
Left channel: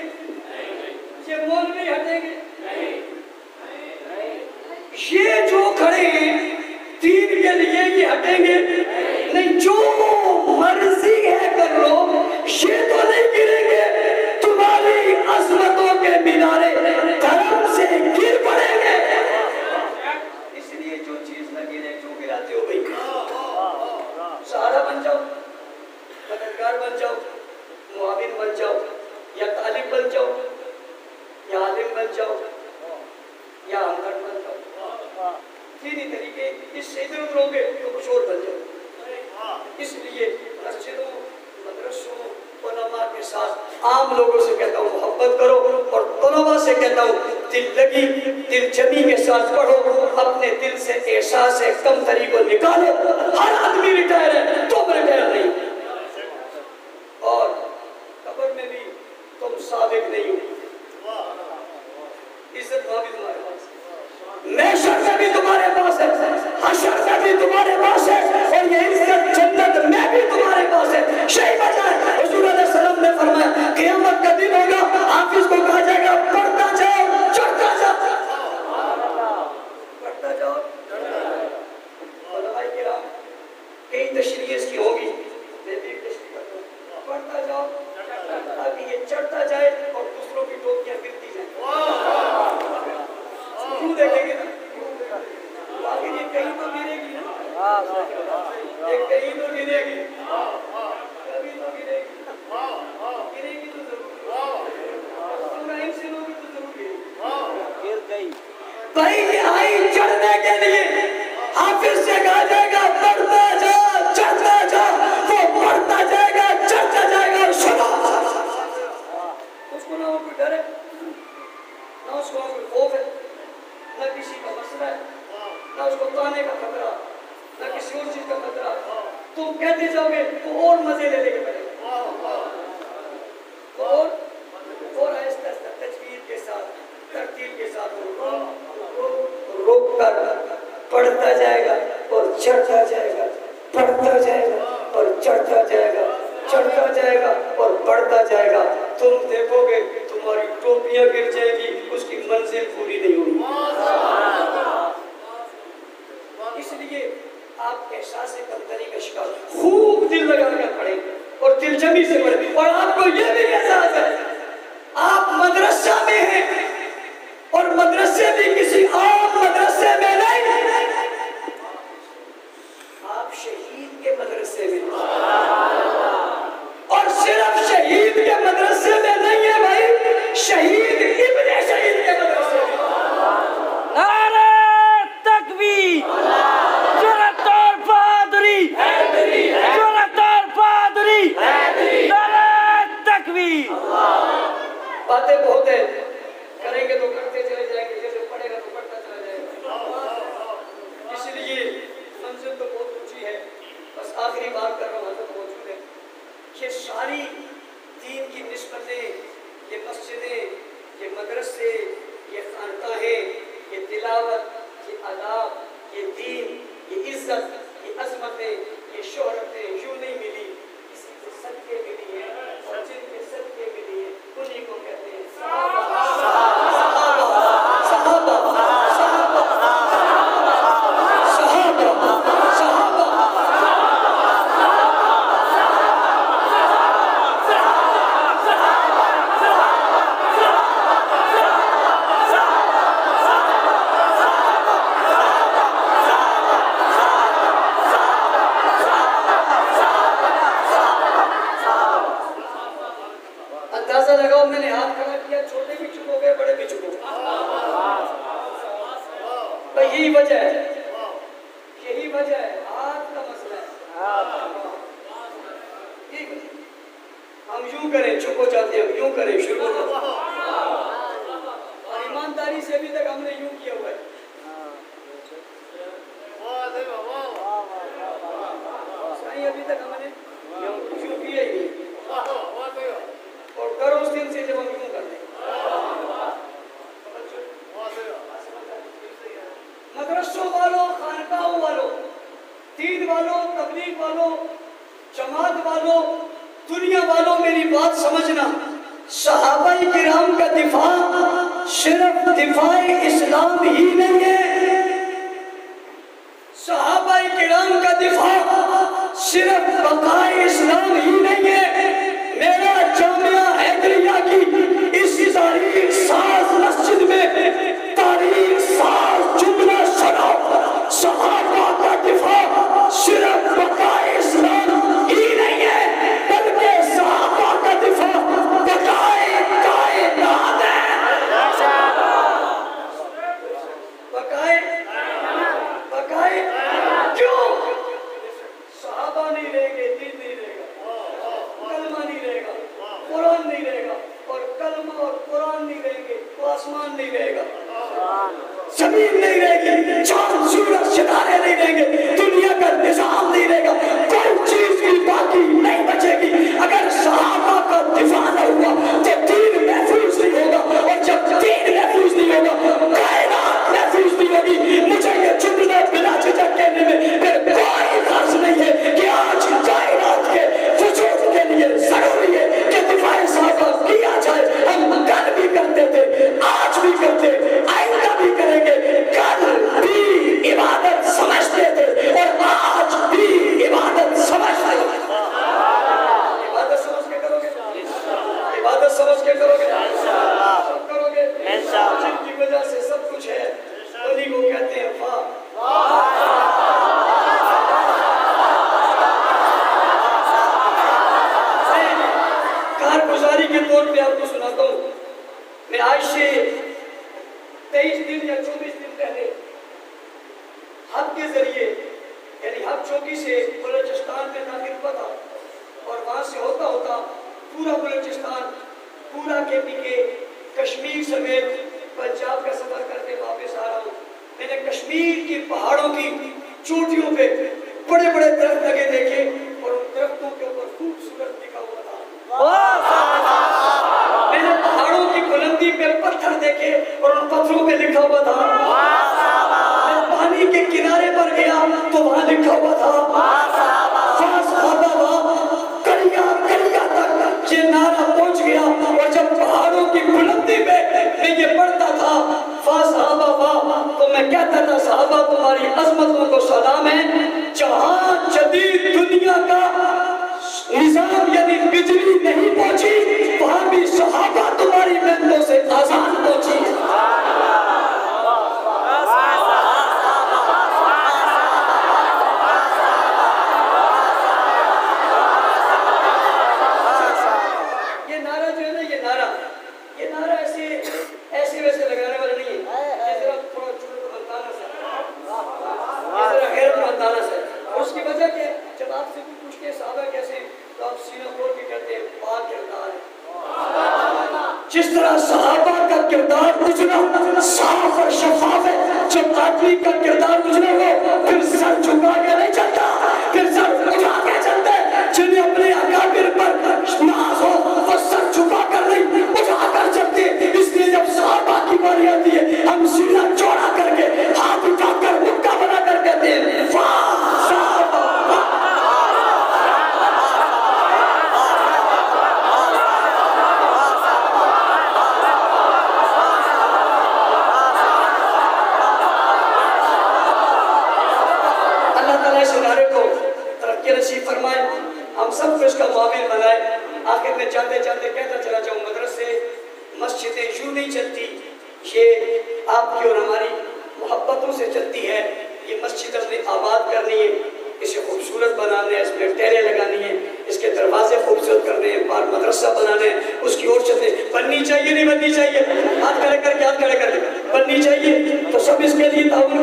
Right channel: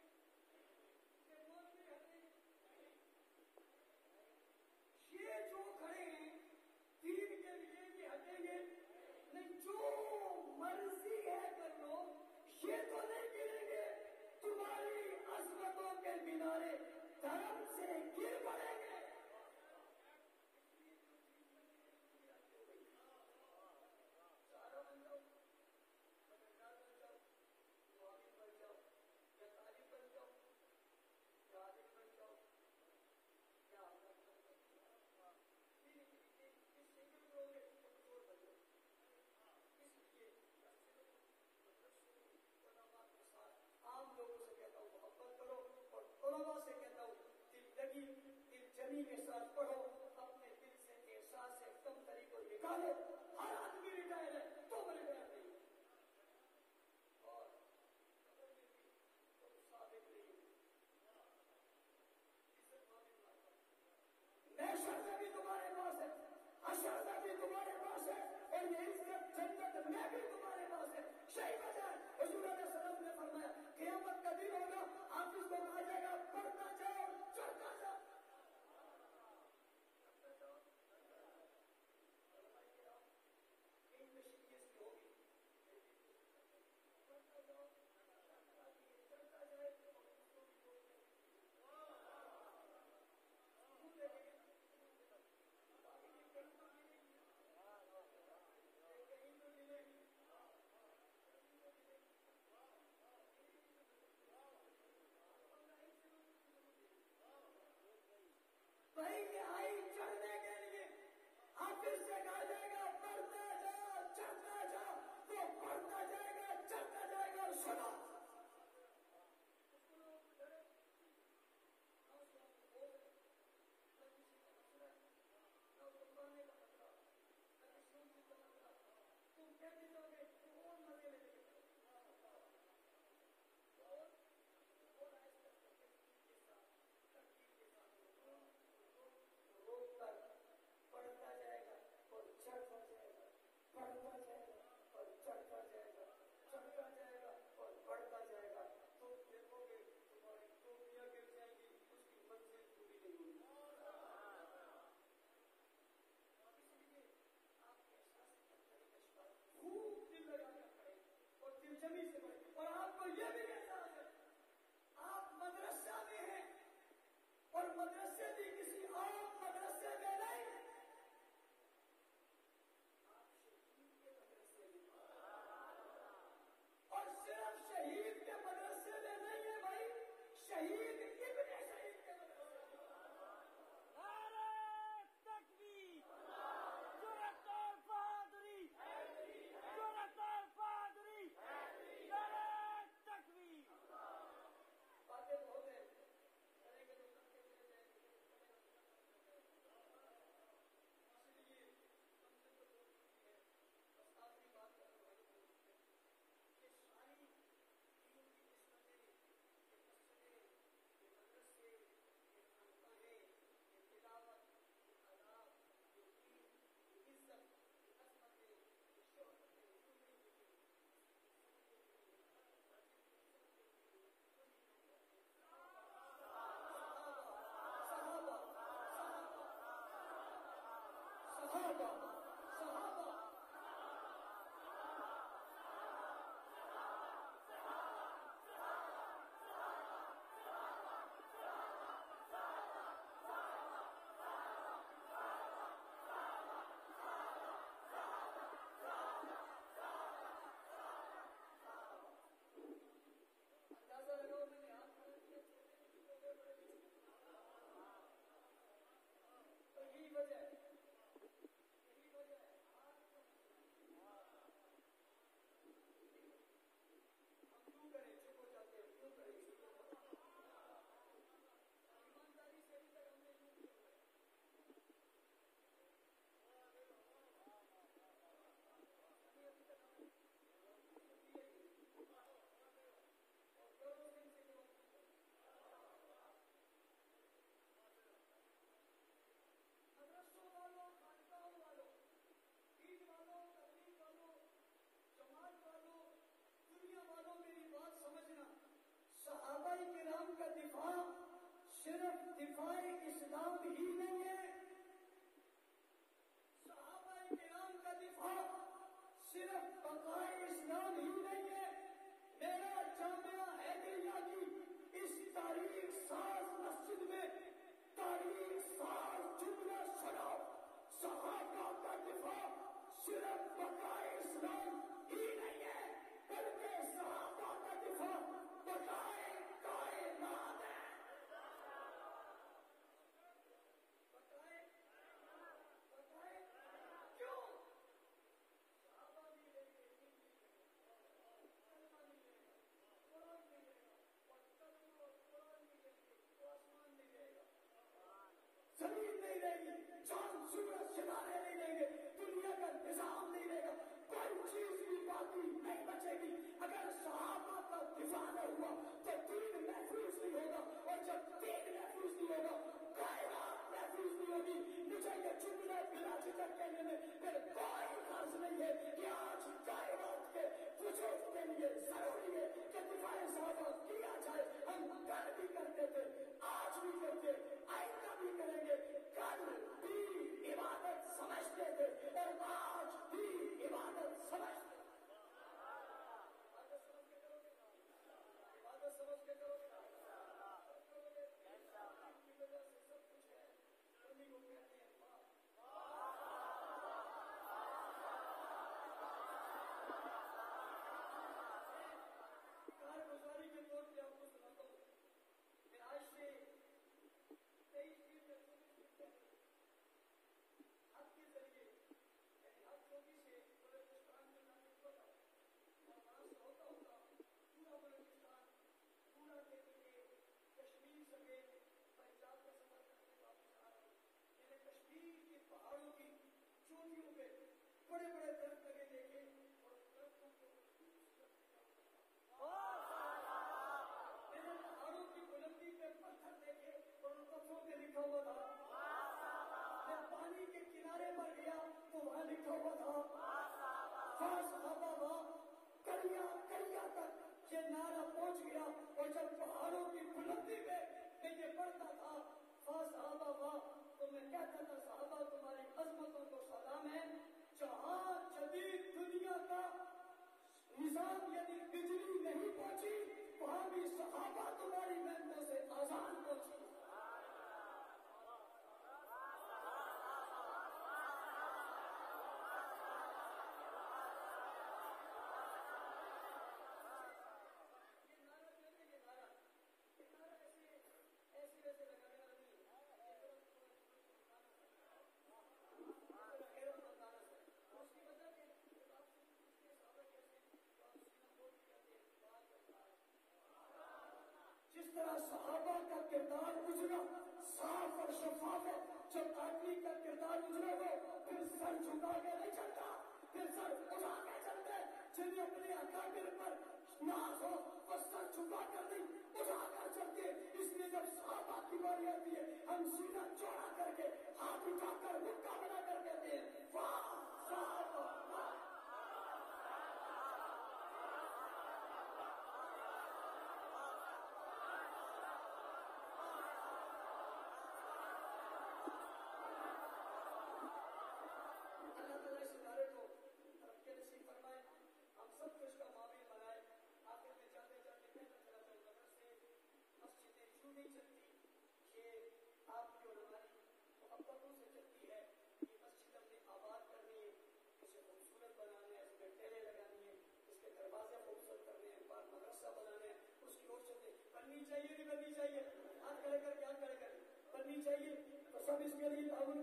ये मौलवी हटेंगे? ये जो खड़े हैं दीन के लिए ये हटेंगे नहीं, जो मर्जी है कर लो, ये तो नहीं गिरेंगे। तुम्हारी अजमतों के मीनारे धर्म से गिर पड़ेंगे। इसलिए जो चीज न गिरे क्यों गिराते हो भाई? सहारा बन जाओ, मददगार बन जाओ, मुआविन बन जाओ, या तालिब बन जाओ, या आलिम बन जाओ, या हमदर्द बन जाओ। तीन ही तरीके, इससे इधर उधर होंगे तो कुछ और बन जाओ। इसलिए मस्जिदों, मदरसों, उलमा के साथ आम लोगों से कहता हूँ मोहब्बत करो, और तलबा से कहता हूँ दिल लगी, दिल जमी के साथ पढ़ो, अपने दिल से एहसास है कम तरीकों निकालो। हर आदमी रिटायर है, तुम रिटायर नहीं, और कब्र में भी तुम साबिक नहीं हो। इज्जत वहां भी तुम्हारे पास है, महशर में भी तुम्हारे पास है, हशर में भी तुम्हारे पास है, और ये इज्जत जन्नत में भी तुम्हारे पास है। सही बात है। हुजूर अलैहि सलाम ने फरमाया क़यामत का दिन होगा, हाफिज को कहा जाएगा पढ़ता जाओ, चढ़ता जाओ, पढ़ता जाओ। उलमाए किराम कई तशरीह इसकी होगी, मैं भी तशरीह करता हूं, पढ़ता जाओ ताकि ये चढ़ता जाए और दूसरों की टोपियां गिरती जाए। क्यों देखेंगे ना, आखिर ये कहीं तो गिरेगी ना, ये कहीं तो गिरेगी, कभी तो गिरेगी, गिरेगी तो जरूर, इब्राहिम से लोग तो जरूर गिरेगी। भाई ये आई चढ़ने के लिए, हाफिज से कहा जाएगा पढ़ता जा, चढ़ता जा, वो पढ़ता जाएगा, चढ़ता जाएगा। और सुनो, उसको ना कोई डर है, ना उसको कोई खौफ है, ना किसी का मसला है, ना उसको ताने का खतरा, ना किसी और चीज का खतरा। तुम कहते जाओगे तो और मजे ले लेके बैठे, और आहिस्ता आहिस्ता तजवीद के साथ, तरतीब के साथ रोक कर पढ़ता जाएगा और चढ़ता जाएगा, पढ़ता जाएगा और चढ़ता जाएगा, चढ़ता जाएगा और बढ़ता जाएगा। तुम देखोगे तुम्हारी टोपियां गिर जाएगी, उसकी मंजिल पूरी नहीं होगी। इसलिए आप एहसास कमतरी का शिकार खूब दिल लगाकर पढ़े और दिलजमी से पढ़े। और आपको यह भी एहसास है आप मदरसा में हैं, और मदरसे भी किसी आम मदरसे में नहीं, आप शहीद के मदरसे में, और सिर्फ शहीद के मदरसे में नहीं है भाई, शहीद इब्ने शहीद के मदरसे में। नारे तकबीर, जुर्रत और बहादुरी, जुर्रत और बहादुरी, नारे तकबीर। बातें बहुत है, करेंगे तो करते चले जाएंगे, जैसे पढ़ेगा तो पढ़ता चला जाएगा। इसलिए मंजिल तो बहुत ऊंची है। बस आखिरी बात कर रहा हूँ, हज़रत मौजूद है, ये सारी दीन की निस्बतें, ये मस्जिदें, ये मदरसे, ये खानकाहें, ये तिलावत, ये आदाब, ये दीन, ये इज्जत, ये अजमतें, ये शोहरतें यूं नहीं मिली, किसी के सदके मिली है, और जिनके सदके मिली है उन्हीं को कहते हैं सहाबा, सहाबा, सहाबा, सहाबा, सहाबा, सहाबा। अंदाजा लगाओ, मैंने हाथ खड़ा किया, छोटे भी चुप हो गए, बड़े भी चुप हो गए। यही वजह है, यही वजह है, हाथ का मसला है। यही वजह, हम यूं करें चुप हो जाते हैं, यूं करें शुरू हो जाते हैं, और ईमानदारी से अभी तक हमने यूं किया हुआ है। अभी तक हमने यूं किया ही नहीं, और करो उस दिन से जब हम यूं करते हैं। मदरसों वालों, खानकाहों वालों, दीन वालों, तबलीग वालों, जमात वालों, दुनिया वालों, मेरी बात समझना। सहाबाए किराम का दिफा सिर्फ दिफाए इस्लाम ही नहीं है, चांद सूरज सितारे नहीं रहेंगे, दुनिया का निजाम नहीं रहेगा, कोई चीज भी बाकी नहीं बचेगी। अगर सहाबा का दिफा न हुआ तो दीन महफूज नहीं होगा, और जब दीन महफूज नहीं होगा कायनात महफूज नहीं होगी। मुझे ये जुमला बिना झिझक कहने में फिर कोई हर्ज नहीं है कि आज कायनात के वजूद के लिए जरूरी है कि दिफाए सहाबा किया जाए। हम कल भी करते थे, आज भी करते, आइंदा भी करेंगे। कल भी इबादत समझते थे और आज भी इबादत समझते हैं। इबादत समझ के करोगे, इबादत समझ के करोगे, सब करोगे। जिनकी वजह से सब कुछ है उन्हीं को कहते हैं कारगुजारी के तौर पे आपको सुनाता हूँ। मैं आज से 23 दिन या 24 दिन पहले हब के जरिए यानी हब चौकी से बलूचिस्तान में दाखिल हुआ था, और वहां से होता होता पूरा बलूचिस्तान, पूरा KPK, कश्मीर समेत पंजाब का सफर करके वापस आ रहा हूँ। मैंने कश्मीर की पहाड़ों की चोटियों पे बड़े बड़े दरख्त लगे देखे, और उन दरख्तों के ऊपर खूबसूरत लिखा हुआ था। मैंने पहाड़ों की बुलंदी पे पत्थर देखे और उन पत्थरों पे लिखा हुआ था। मैं पानी के किनारे पर गया तो वहां लिखा हुआ था कलिया कलिया तक ये नारा पहुंच गया। और जब पहाड़ों की बुलंदी पे मैं ये पढ़ता था तो मैं कहता था सहाबा तुम्हारी अजमतों को सलाम है। जहां जदीद दुनिया का निजाम यानी बिजली नहीं पहुंची, वहां भी सहाबा तुम्हारी मेहनतों से आजाद पहुंची। ये नारा जो है ना, ये नारा ऐसे वैसे लगाने वाला नहीं है। थोड़ा मंदाना से उसकी वजह क्या? जब आपसे कोई पूछते हैं सहाबा कैसे, तो आप सीना खोल के कहते हैं पाक किरदार है। जिस तरह सहाबा का किरदार उजना साफ और शफाफ है, जब आदमी का किरदार उजना हो फिर सर झुका के नहीं चलता, फिर सर उठा के चलते। जिन्हें अपने अकाबिर पर नाज हो वो सर झुका कर नहीं उठा कर चलते। इसलिए जब सहाबा की बारी आती है हम सीना चौड़ा करके हाथ उठाकर मुक्का बना कर कहते हैं वाह सहाबा। अल्लाह ताला इस नारे को तरक्की नसीब फरमाए, हम सब इसका मुआविन बनाए। आखिर में जाते जाते कहता चला जाऊँ, मदरसे मस्जिदें यूं नहीं चलती, ये आपकी और हमारी मोहब्बतों से चलती है। ये मस्जिद हमने आबाद करनी है, इसे खूबसूरत बनाना है, इसमें टहरे लगानी है, इसके दरवाजे खूबसूरत करने हैं, बाहर मदरसा बनाना है, उसकी और छतें बननी चाहिए नहीं बननी चाहिए? हाथ खड़े करके बननी चाहिए। तो सब इसके लिए ताउन